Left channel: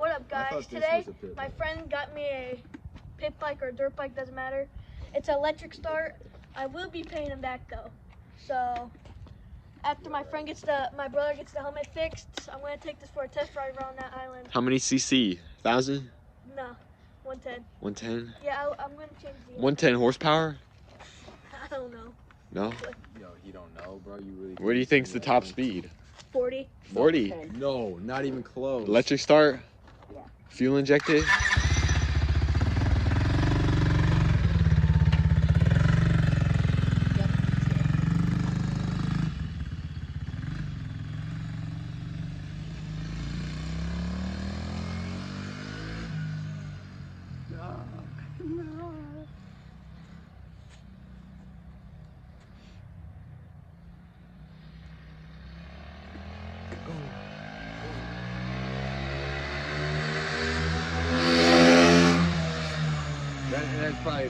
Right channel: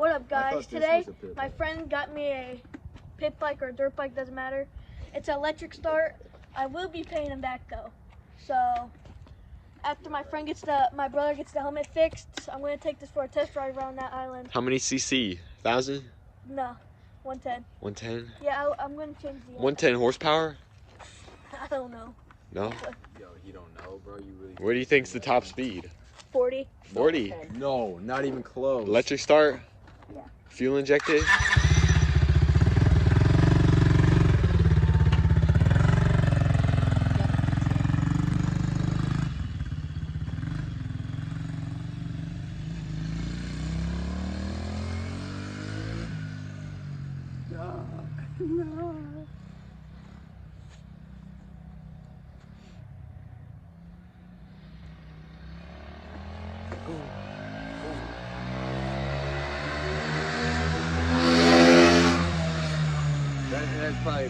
What up, guys? Today, my friend got me a pit bike or a dirt bike, doesn't matter. It's an electric start. I will be paying him back though. So after my brother gets the helmet fixed, I'm gonna take this for a test ride around that island. How many cc? 1,000? No, 110. 110? Yeah, I'm gonna change the 110 horsepower? I don't know. No? Yo, you don't know, bro. You really. What do you think's the top speed? 40. 40? No, not even close. Electric start? Yeah. Fuel injected? No. That's probably